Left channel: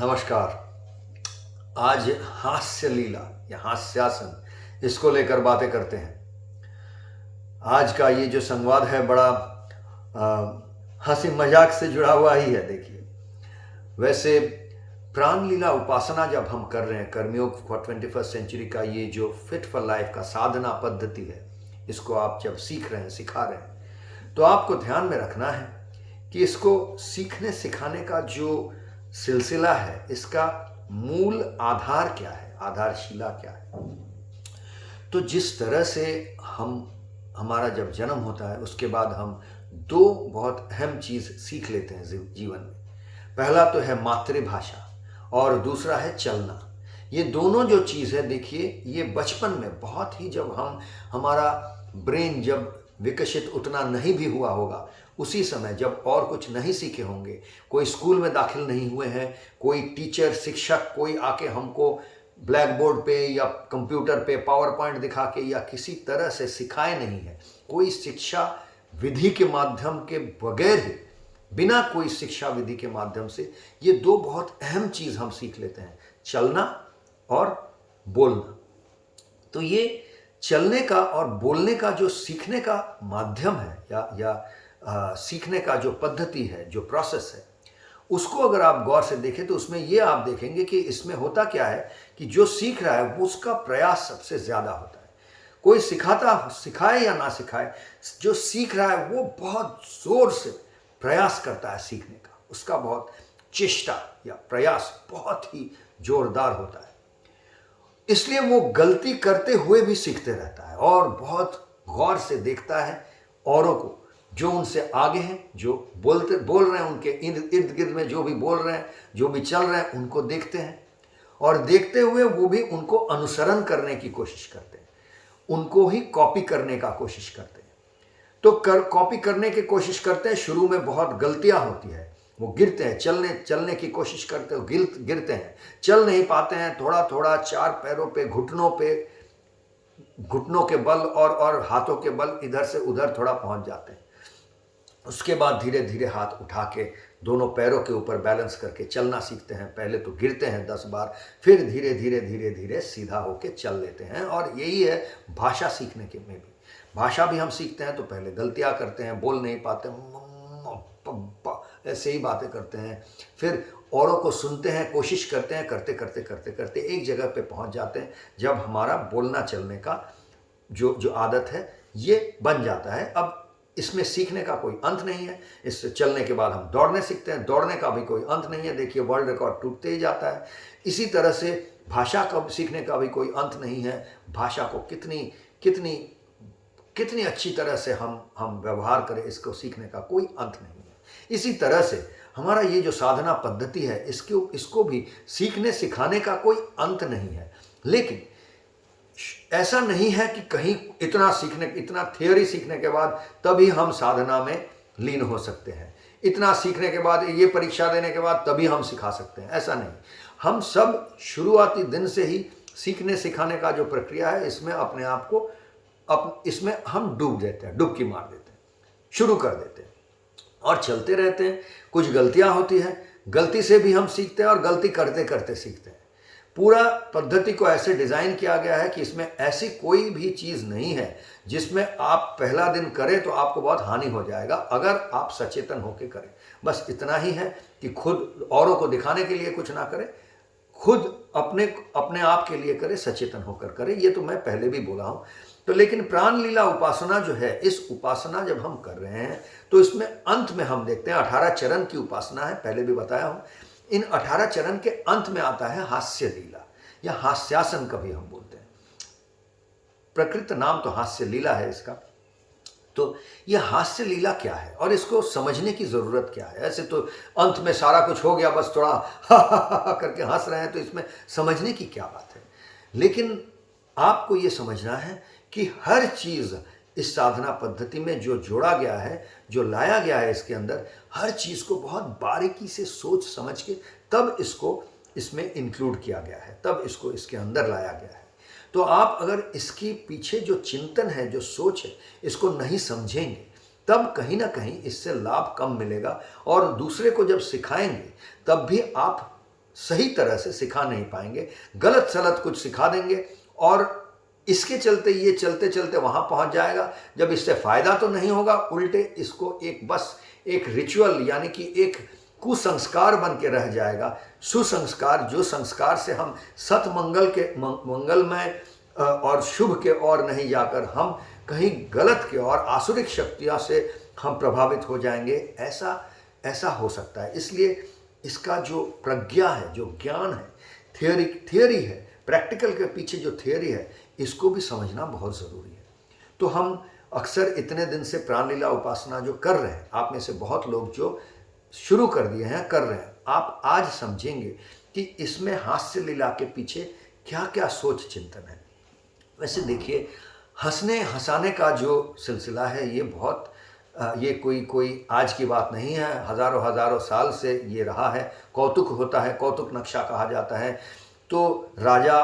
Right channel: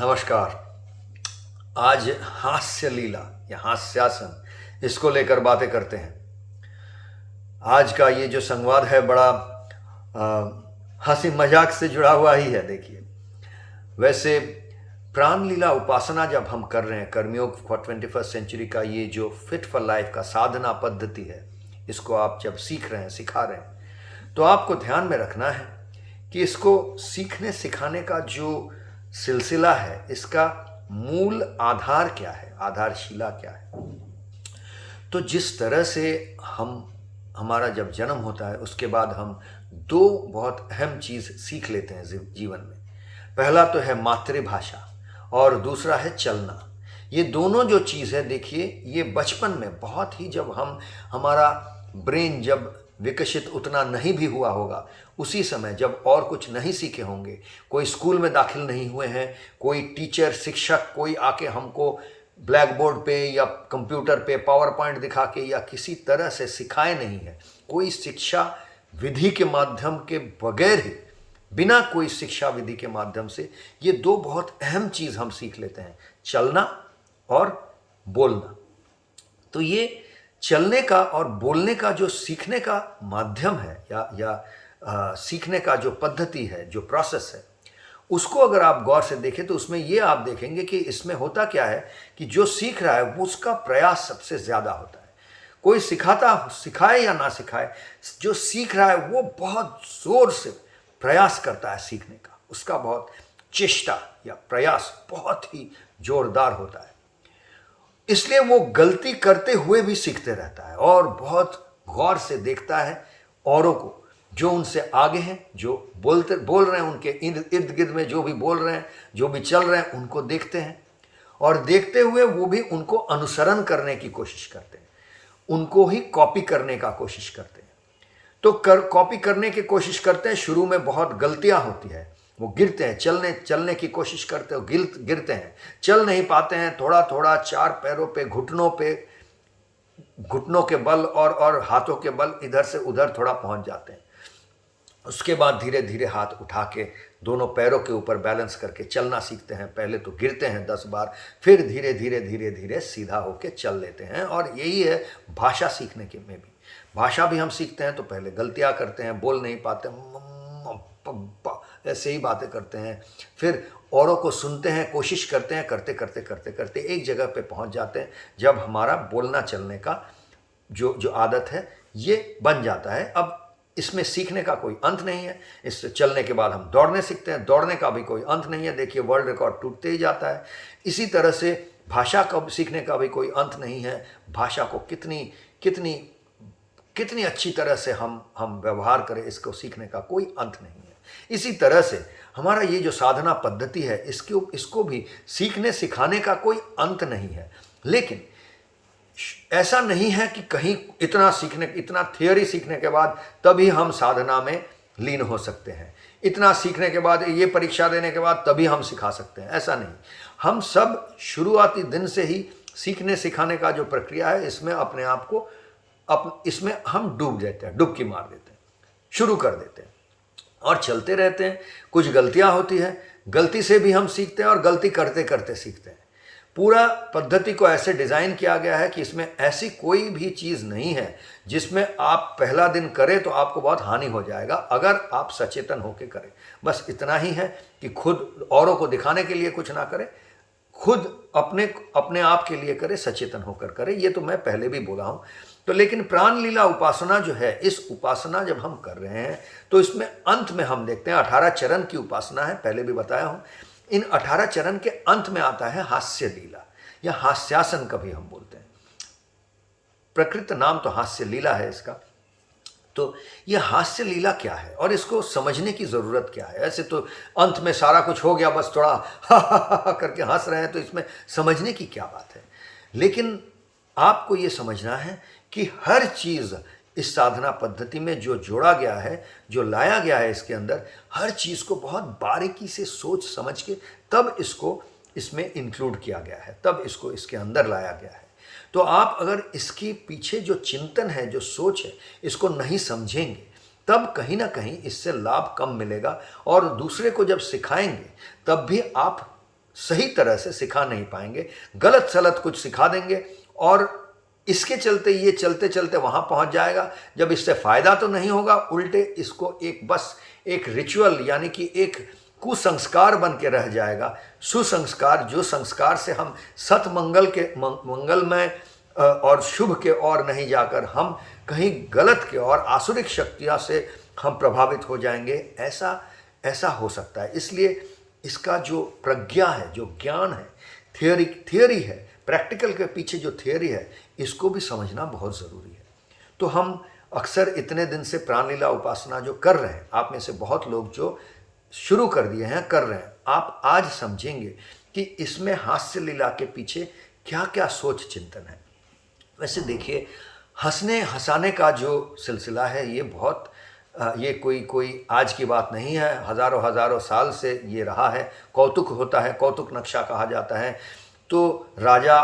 नमस्कार। आज हास्य लीला या हास्यासन इसको लेकर बातें करते हैं। आज का ये जो संवाद है बड़ा हंसी मजाक से जुड़ा हुआ ही है। देखिए, वैसे प्राण लीला उपासना जब हम कर रहे हैं, कर्मयोग फॉर 21st सेंचुरी का ये जो फिट फॉर लाइफ का साधना पद्धति है, इसको आप जब सीख रहे हैं, सिखा रहे हैं, तो आपको ध्यान में रखना है कि इसको सीखने सिखाने का जो सिलसिला है, इसका मूल आधार क्या है, आधारशिला क्या है। तो जिस तरह से हमारा जब जन्म होता है, उसके बाद हम दो बहुत अहम चीज़ सीख लेते हैं जीवन में। पहला तो है मातृभाषा और दूसरा है चलना। ये दोनों जो चीज़ है, देखिए, ये बचपन में बहुत ही, जब हमारा ब्रेन जब विकसित उतना नहीं भी हुआ होगा, उसी समय जब और कुछ नहीं सीखे होंगे, कोई स्कूल में दाखिल नहीं हुए हैं, कोई टीचर शिक्षक कोई आके हमको ब्लैक बोर्ड पे या कंप्यूटर पे पावर पॉइंट दिखा के या किसी तरह से सिखाए नहीं है, कोई शिक्षा विधि के माध्यम के बगैर ही, बिना कोई शिक्षा विधि के माध्यम से ये दो बहुत अहम चीज़ हम सीख लेते हैं, चलना और बोलना। तो ये चलने का और बोलने का जो सीखने का माध्यम है या सीखने का जो पद्धति है, जो प्रोसेस है, उसको अगर आप गौर से देखें तो उसमें ये आप देखेंगे कि इसमें होता क्या है कि जो सीख रहा है वो उसका प्रयास सबसे ज़्यादा होता है। कोई सिखाए या ना सिखाए, जो सीख रहा है वो बहुत ज़ोर से प्रयास करता है सीखने का, उसका बहुत चेष्टा या प्रयास बहुत ही जोरदार होता है। इसलिए वो गलती करते हुए भी सीखते रहता है और बहुत गौर से देखता है औरों को, जो उनसे आगे हैं, जो बोल रहे हैं, उनके इर्द गिर्द में जो भी बोल रहे हैं, जो भी चल रहे हैं, उनको देखते हैं और देखते हुए वो भी उनको अनुसरण करने की कोशिश करते हैं, उनको ही कॉपी करने का कोशिश करते हैं। तो कॉपी करने की कोशिश करते हैं। शुरू में बहुत गलतियां होती है, वो गिरते हैं, चलने की कोशिश करते हो, गिरते हैं, चल नहीं पाते हैं, थोड़ा थोड़ा चार पैरों पे, घुटनों के बल और हाथों के बल इधर से उधर थोड़ा पहुंच जाते हैं। उसके बाद धीरे धीरे हाथ उठा के दोनों पैरों के ऊपर बैलेंस करके चलना सीखते हैं। पहले तो गिरते हैं 10 बार, फिर धीरे धीरे सीधा होके चल लेते हैं। और यही है भाषा सीखने के में भी। भाषा भी हम सीखते हैं तो पहले गलतियां करते हैं, बोल नहीं पाते, ऐसे ही बातें करते हैं, फिर औरों को सुनते हैं, कोशिश करते हैं, करते एक जगह पे पहुंच जाते हैं जब हमारा बोलना चलने का जो आदत है ये बन जाता है। अब इसमें सीखने का कोई अंत नहीं है। इससे चलने के बाद हम दौड़ने सीखते हैं, दौड़ने का भी कोई अंत नहीं है। देखिए, वर्ल्ड रिकॉर्ड टूटते ही जाता है। इसी तरह से भाषा का सीखने का भी कोई अंत नहीं है। भाषा को कितनी अच्छी तरह से हम व्यवहार करें, इसको सीखने का कोई अंत नहीं है। इसी तरह से हमारा ये जो साधना पद्धति है, इसको भी सीखने सिखाने का कोई अंत नहीं है। लेकिन ऐसा नहीं है कि कहीं इतना थियोरी सीखने के बाद तभी हम साधना में लीन हो सकते हैं, इतना सीखने के बाद, ये परीक्षा देने के बाद तभी हम सिखा सकते हैं, ऐसा नहीं। हम सब शुरुआती दिन से ही सीखने सिखाने का जो प्रक्रिया है, इसमें अपने आप को इसमें हम डूब देते हैं, डुबकी मार देते हैं, शुरू कर देते हैं और चलते रहते हैं। कुछ गलतियां होती हैं, गलती से भी हम सीखते हैं और गलती करते सीखते हैं। पूरा पद्धति को ऐसे डिज़ाइन किया गया है कि इसमें ऐसी कोई भी चीज़ नहीं है जिसमें आप पहला दिन करें तो आपको बहुत हानि हो जाएगा, अगर आप सचेतन होकर करें। बस इतना ही है कि खुद औरों को दिखाने के लिए कुछ ना करें, खुद अपने आप के लिए करें, सचेतन होकर करें। ये तो मैं पहले भी बोला हूँ। तो लेकिन प्राण लीला उपासना जो है, इस उपासना जब हम कर रहे हैं तो इसमें अंत में हम देखते हैं 18 चरण की उपासना है, पहले भी बताया हूँ। इन 18 चरण के अंत में आता है हास्य लीला या हास्यासन कभी हम बोलते हैं। प्रकृत नाम तो हास्य लीला है इसका। तो यह हास्य लीला क्या है और इसको समझने की ज़रूरत क्या है। ऐसे तो अंत में सारा कुछ हो गया, बस थोड़ा हा करके हंस रहे हैं, तो इसमें समझने की क्या बात है। लेकिन आपको ये समझना है कि हर चीज़ इस साधना पद्धति में जो जोड़ा गया है, जो लाया गया है इसके अंदर, हर चीज़ को बहुत बारीकी से सोच समझ के तब इसको इसमें इंक्लूड किया गया है, तब इसको इसके अंदर लाया गया है। तो आप अगर इसके पीछे जो चिंतन है, जो सोच है, इसको नहीं समझेंगे, तब कहीं ना कहीं इससे लाभ कम मिलेगा। और दूसरे को जब सिखाएंगे तब भी आप सही तरह से सिखा नहीं पाएंगे, गलत सलत कुछ सिखा देंगे और इसके चलते ये चलते चलते वहाँ पहुँच जाएगा। जब इससे फ़ायदा तो नहीं होगा, उल्टे इसको एक रिचुअल यानी कि एक कुसंस्कार बन के रह जाएगा। सुसंस्कार, जो संस्कार से हम मंगलमय और शुभ के ओर नहीं जाकर हम कहीं गलत के और आसुरिक शक्तियों से हम प्रभावित हो जाएंगे, ऐसा हो सकता है। इसलिए इसका जो प्रज्ञा है, जो ज्ञान है, थियोरी है, प्रैक्टिकल के पीछे जो थियोरी है, इसको भी समझना बहुत ज़रूरी है। तो हम अक्सर इतने दिन से प्राणलीला उपासना जो कर रहे हैं, आप में से बहुत लोग जो शुरू कर दिए हैं, कर रहे हैं, आप आज समझेंगे कि इसमें हास्य लीला के पीछे क्या क्या सोच चिंतन है। वैसे देखिए, हंसने हंसाने का जो सिलसिला है ये कोई आज की बात नहीं है, हज़ारों साल से ये रहा है। कौतुक होता है, कौतुक नक्शा कहा जाता है। तो राजा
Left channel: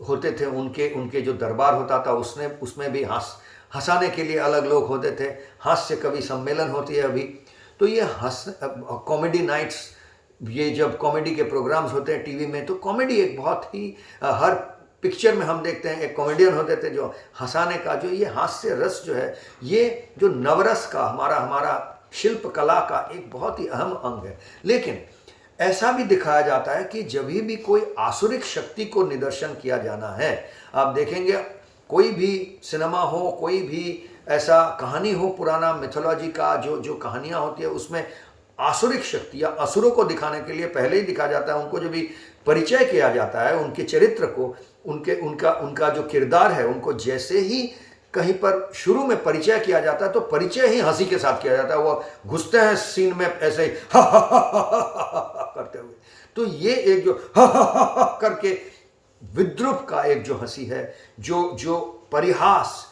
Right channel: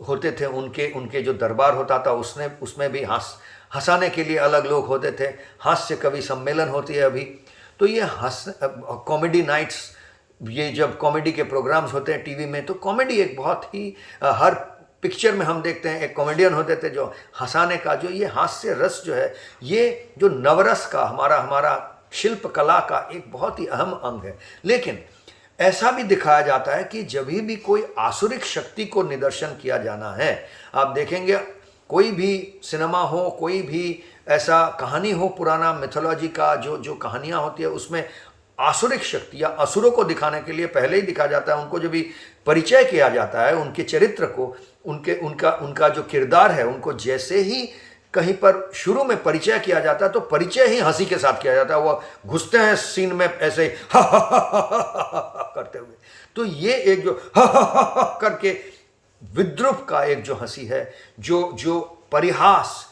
होते थे, उनके जो दरबार होता था उसमें भी हंसाने के लिए अलग लोग होते थे। हास्य कवि सम्मेलन होती है अभी। तो ये कॉमेडी नाइट्स, ये जब कॉमेडी के प्रोग्राम्स होते हैं टीवी में, तो कॉमेडी एक बहुत ही हर पिक्चर में हम देखते हैं एक कॉमेडियन होते थे जो हंसाने का, जो ये हास्य रस जो है, ये जो नवरस का हमारा शिल्प कला का एक बहुत ही अहम अंग है। लेकिन ऐसा भी दिखाया जाता है कि जब भी कोई आसुरिक शक्ति को निदर्शन किया जाना है, आप देखेंगे कोई भी सिनेमा हो, कोई भी ऐसा कहानी हो, पुराना मिथोलॉजी का जो कहानियाँ होती है, उसमें आसुरिक शक्ति या असुरों को दिखाने के लिए पहले ही दिखाया जाता है। उनको जब भी परिचय किया जाता है, उनके चरित्र को, उनका जो किरदार है, उनको जैसे ही कहीं पर शुरू में परिचय किया जाता है, तो परिचय ही हंसी के साथ किया जाता है। वो घुसते हैं सीन में ऐसे ही करते हुए। तो ये एक जो करके विद्रूप का एक जो हंसी है, जो परिहास,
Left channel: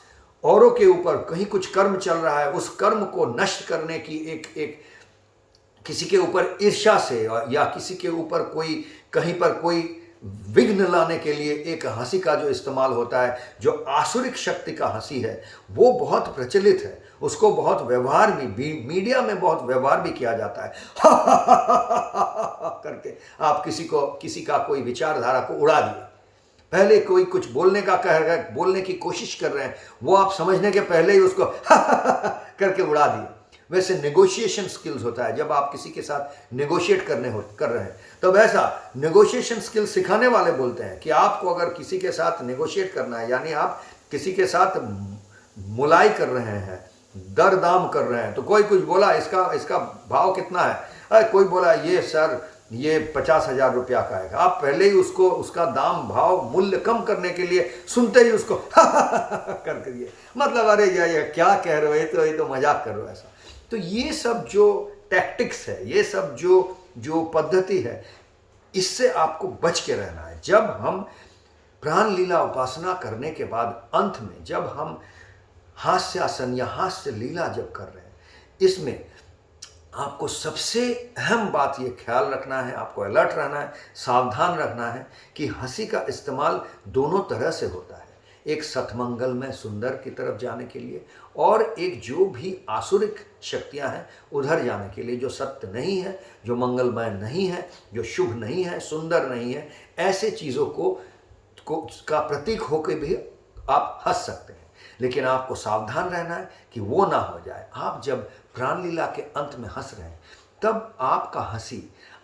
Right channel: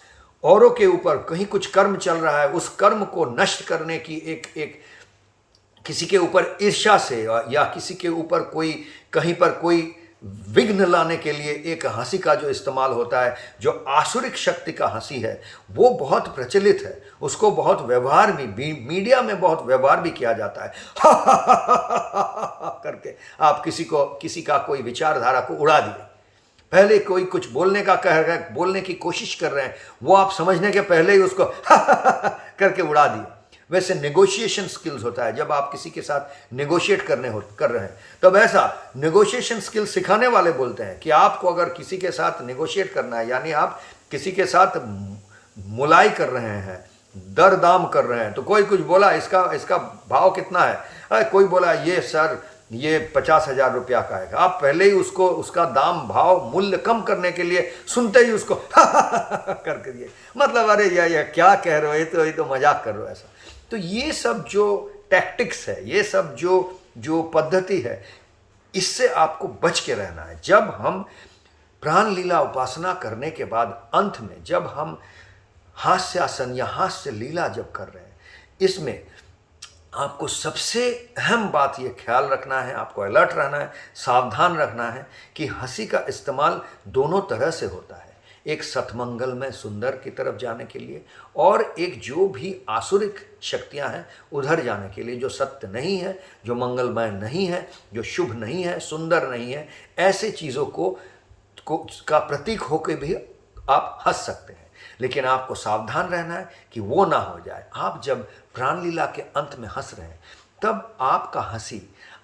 औरों के ऊपर कहीं कुछ कर्म चल रहा है, उस कर्म को नष्ट करने की एक किसी के ऊपर ईर्ष्या से या किसी के ऊपर कहीं पर कोई विघ्न लाने के लिए एक हंसी का जो इस्तेमाल होता है, जो आसुरिक शक्ति का हंसी है, वो बहुत प्रचलित है। उसको बहुत व्यवहार भी मीडिया में बहुत व्यवहार भी किया जाता है करके आप किसी का कोई विचारधारा को उड़ा दिए। पहले कोई कुछ बोलने की कोशिश कर रहे हैं, वो आप समझने के पहले ही उसको करके उड़ा दिए। वैसे नेगोशिएशन स्किल्स होता है, जब आप किसी के साथ नेगोशिएट कर रहे हैं, तब ऐसा नेगोशिएशन स्किल सिखाने वाले बोलते हैं कि आपको अगर किसी के साथ नेगोशिएट करना है, यानी आप किसी के साथ मुलाई कर रहे हैं, दर दाम कर रहे हैं, तो कोई कुछ बोला इसका भाव कितना है, कोई बोला ये सर ये 50,000 रुपया का है, आप पहले ही उसका दाम भाव मूल्य कम करने के लिए सुनते ही उसको करके दिए, मतलब अरे ये क्या कह रहे हो, ये तो मजाक कर रहे हो ऐसा। तो ये सब जो टैक्टिक्स है, ये सब जो पद्धति है, इससे आपको बच के रहना है। जब हम प्राण लीला उपासना करने के बाद अंत में जब हम हास्यासन या हास्य लीला जब कर रहे हैं, इसमें आपको सबसे अहम बात ये ख्याल रखना है, आपको अलर्ट रहना है, सावधान रखना है कि हंसी का इस्तेमाल दोनों तरह से होता है। एक सतमंगल में सुंदर की तरफ जाने के लिए, और एक जो भी आसुरिक शक्तियां हैं उधर जाने के लिए, जो सत्य नहीं है, जो मंगलमय नहीं है, जो शुभ नहीं है, सुंदर नहीं है, ऐसे चीज़ों का प्रतीक होकर भी आप हंस सकते हैं। लेकिन आपको सावधान रहना है कि वो ना हो जाए। आप जब प्राणलीला के अंत में हंस रहे हैं, तब आपका हंसी,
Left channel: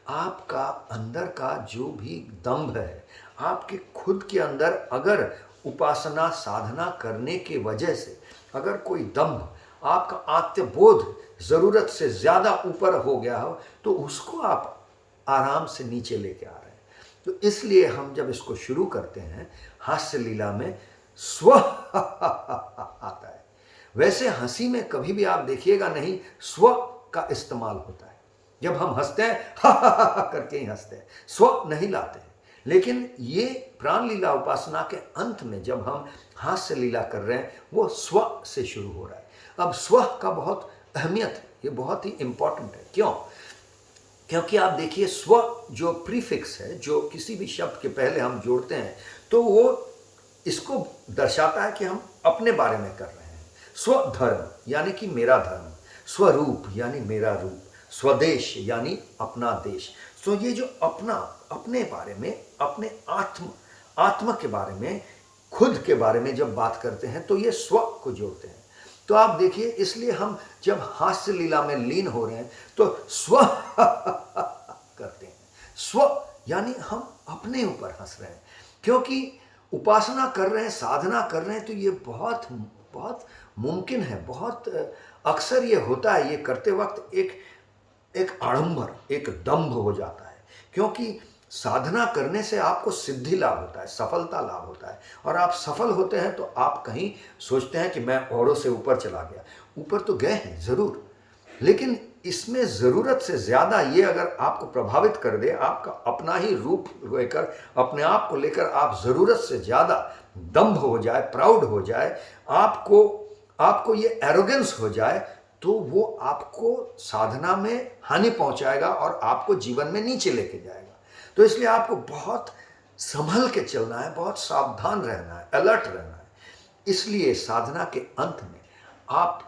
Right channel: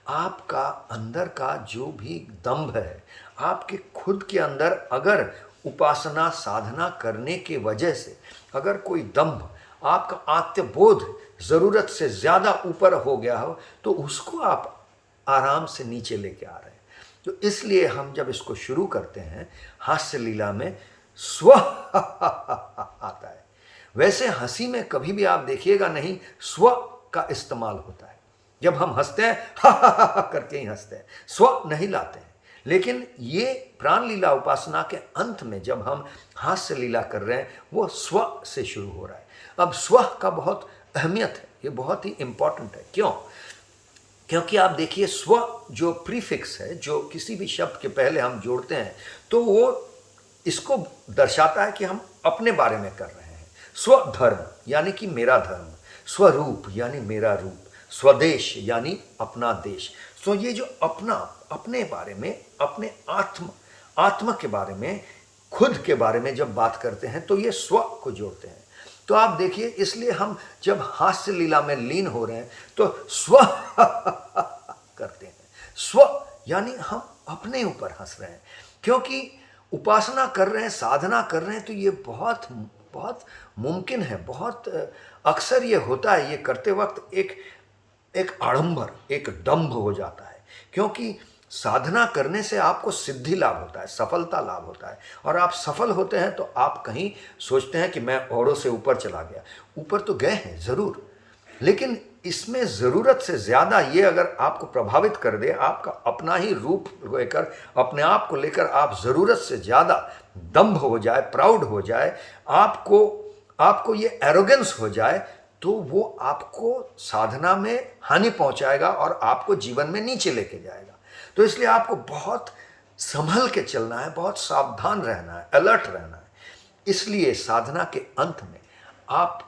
आपका अंदर का जो भी दंभ है, आपके खुद के अंदर अगर उपासना साधना करने के वजह से अगर कोई दंभ, आपका आत्मबोध ज़रूरत से ज़्यादा ऊपर हो गया हो, तो उसको आप आराम से नीचे लेके आ रहे हैं। तो इसलिए हम जब इसको शुरू करते हैं, हास्य लीला में स्व आता है। वैसे हंसी में कभी भी आप देखिएगा नहीं स्व का इस्तेमाल होता है। जब हम हंसते हैं करके ही हंसते हैं, स्व नहीं लाते हैं। लेकिन ये प्राण लीला उपासना के अंत में जब हम हास्य लीला कर रहे हैं, वो स्व से शुरू हो रहा है। अब स्व का बहुत अहमियत है, ये बहुत ही इंपॉर्टेंट है। क्यों? क्योंकि आप देखिए, स्व जो प्रीफिक्स है, जो किसी भी शब्द के पहले हम जोड़ते हैं, तो वो इसको दर्शाता है कि हम अपने बारे में कर रहे हैं। स्वधर्म यानी कि मेरा धर्म, स्वरूप यानी मेरा रूप, स्वदेश यानी अपना देश। सो ये जो अपना, अपने बारे में, अपने आत्मा के बारे में, खुद के बारे में जब बात करते हैं तो ये स्व को जोड़ते हैं। तो आप देखिए, इसलिए हम जब हास्य लीला में लीन हो रहे हैं तो स्व करते हैं। स्व यानी हम अपने ऊपर हंस रहे हैं, क्योंकि उपासना कर रहे हैं, साधना कर रहे हैं, तो ये बहुत बहुत मुमकिन है, बहुत अक्सर ये होता है, ये करते वक्त एक आडंबर, एक दंभ हो जाता है। क्योंकि साधना करने से आपको सिद्धि लाभ होता है, सफलता लाभ होता है, और आप सफल होते हैं तो आप कहीं सोचते हैं कि मैं औरों से ऊपर चला गया। ऊपर तो गए हैं ज़रूर, लेकिन इसमें ज़रूरत से ज़्यादा ये अगर आपको प्रभावित कर दे, आपका अपना ही रूप लेकर, अपने आप को लेकर आप ज़रूरत से ज़्यादा दंभ हो जाए, प्राउड हो जाए, आपको ये एरोगेंस हो जाए, तो वो आपको साधना में हानि पहुंचाएगा और आपको जीवन में नीचे लेके जाएगा। तो इसलिए आपको बहुत संभल के चलना है, बहुत सावधान रहना है, अलर्ट रहना है। इसलिए साधना के अंत में आप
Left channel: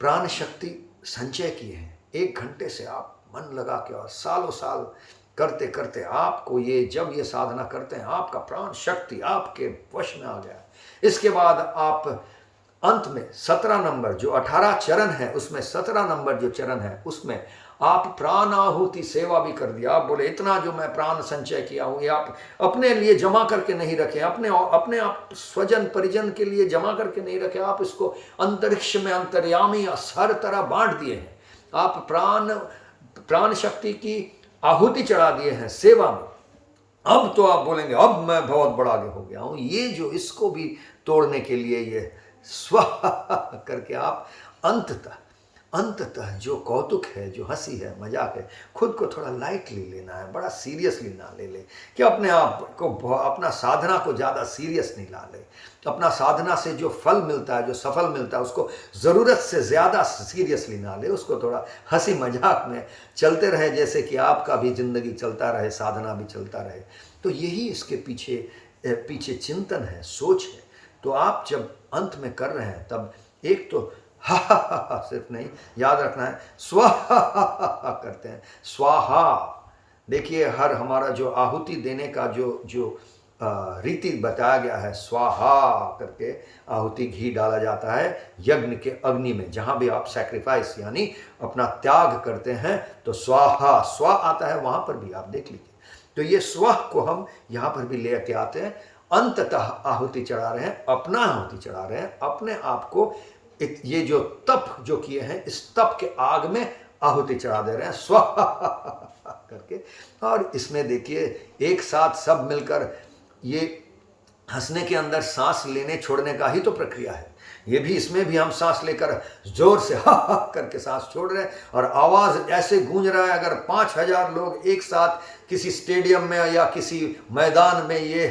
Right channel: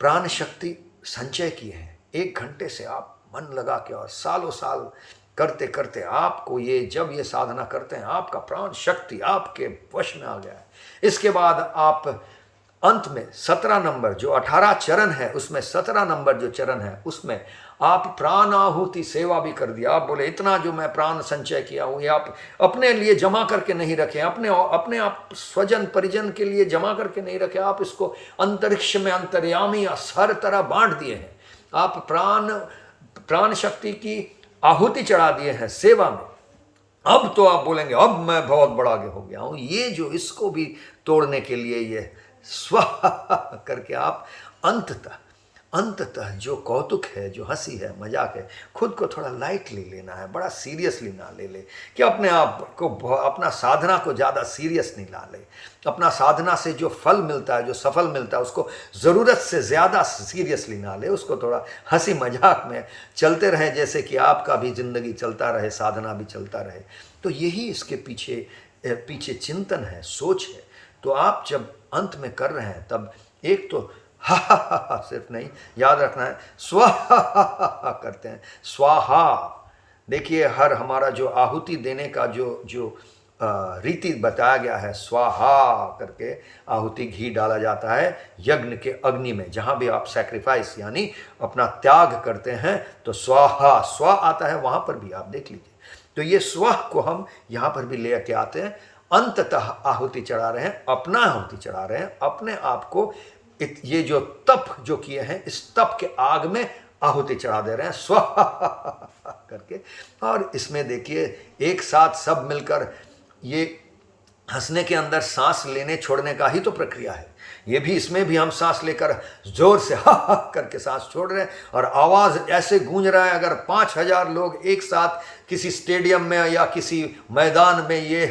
प्राण शक्ति संचय किए हैं, 1 घंटे से आप मन लगा के और सालों साल करते करते आपको जब ये साधना करते हैं, आपका प्राण शक्ति आपके वश में आ गया है। इसके बाद आप अंत में 17 नंबर जो 18 चरण है, उसमें 17 नंबर जो चरण है, उसमें आप प्राण आहुति सेवा भी कर दिया। आप बोले इतना जो मैं प्राण संचय किया हूँ, ये आप अपने लिए जमा करके नहीं रखे, अपने आप स्वजन परिजन के लिए जमा करके नहीं रखे, आप इसको अंतरिक्ष में अंतर्यामी हर तरह बांट दिए हैं। आप प्राण शक्ति की आहुति चढ़ा दिए हैं सेवा में। अब तो आप बोलेंगे अब मैं बहुत बड़ा आगे हो गया हूँ। ये जो इसको भी तोड़ने के लिए ये स्व करके आप अंततः जो कौतुक है, जो हंसी है, मजाक है, खुद को थोड़ा लाइटली लेना है, बड़ा सीरियसली ना ले कि अपने आप को, अपना साधना को ज़्यादा सीरियस नहीं ला ले। अपना साधना से जो फल मिलता है, जो सफल मिलता है, उसको ज़रूरत से ज़्यादा सीरियसली ना ले। उसको थोड़ा हंसी मजाक में चलते रहे, जैसे कि आपका भी ज़िंदगी चलता रहे, साधना भी चलता रहे। तो यही इसके पीछे चिंतन है, सोच है। तो आप जब अंत में कर रहे हैं, तब एक तो हा सिर्फ नहीं, याद रखना है स्वाहा करते हैं। स्वाहा, देखिए हर हमारा जो आहुति देने का जो रीति बताया गया है, स्वाहा करके आहुति घी डाला जाता है यज्ञ के अग्नि में। जहाँ भी आप सैक्रिफाइस यानी अपना त्याग करते हैं तो स्वाहा, स्वा आता है, वहाँ पर भी आप देख लीजिए। तो ये स्व को हम यहाँ पर भी ले के आते हैं। अंततः आहुति चढ़ा रहे हैं, अपना आहुति चढ़ा रहे हैं, अपने आप को ये जो तप जो किए हैं, इस तप के आग में आहुति चढ़ा दे रहे हैं स्व करके। और इसमें देखिए एक साथ सब मिलकर, ये हंसने के अंदर सांस लेने छोड़ने का ही तो प्रक्रिया है। ये भी, इसमें भी हम सांस लेकर जोर से हा करके सांस छोड़ रहे हैं, और आवाज़ ऐसे गूंज रहा है। अगर 5000 लोग एक साथ किसी स्टेडियम में या किसी मैदान में ये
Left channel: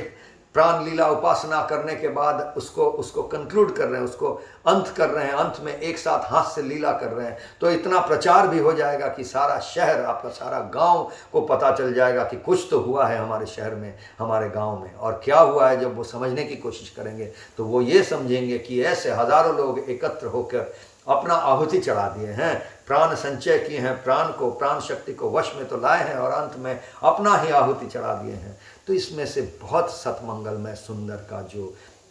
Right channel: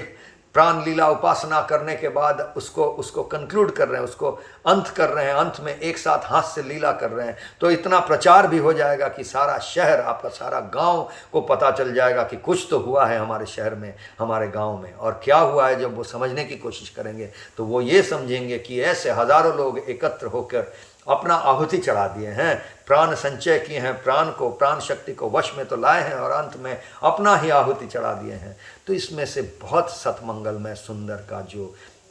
प्राण लीला उपासना करने के बाद उसको कंक्लूड कर रहे हैं, उसको अंत कर रहे हैं, अंत में एक साथ हास्य लीला कर रहे हैं, तो इतना प्रचार भी हो जाएगा कि सारा शहर, आपका सारा गांव को पता चल जाएगा कि कुछ तो हुआ है हमारे शहर में, हमारे गांव में। और क्या हुआ है, जब वो समझने की कोशिश करेंगे तो वो ये समझेंगे कि ऐसे हजारों लोग एकत्र होकर अपना आहुति चढ़ा दिए हैं, प्राण संचय किए हैं, प्राण शक्ति को वश में तो लाए हैं, और अंत में अपना ही आहुति चढ़ा दिए हैं। तो इसमें से बहुत सतमंगलमय सुंदर का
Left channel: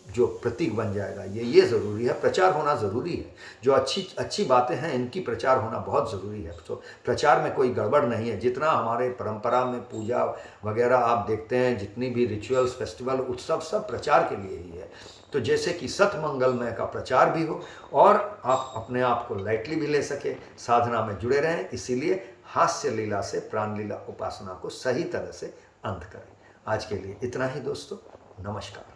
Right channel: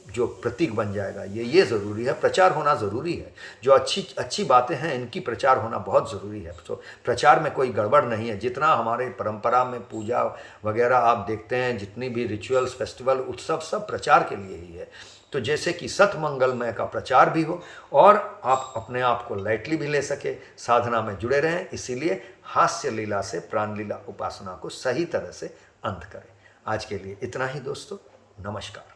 जो प्रतीक बन जाएगा, ये ज़रूरी है। प्रचार होना ज़रूरी है। जो अच्छी बातें हैं, इनकी प्रचार होना बहुत ज़रूरी है। तो प्रचार में कोई गड़बड़ नहीं है। जितना हमारे परंपरा में पूजा वगैरह आप देखते हैं, जितनी भी रिचुअल्स, फेस्टिवल, उत्सव, सब प्रचार के लिए ही है। तो जैसे कि सतमंगलमय का प्रचार भी हो और आप अपने आप को लाइटली भी ले सके, साधना में जुड़े रहें। इसीलिए हास्य लीला से प्राण लीला उपासना को सही तरह से अंत करें। आज के लिए इतना ही दोस्तों, नमस्कार।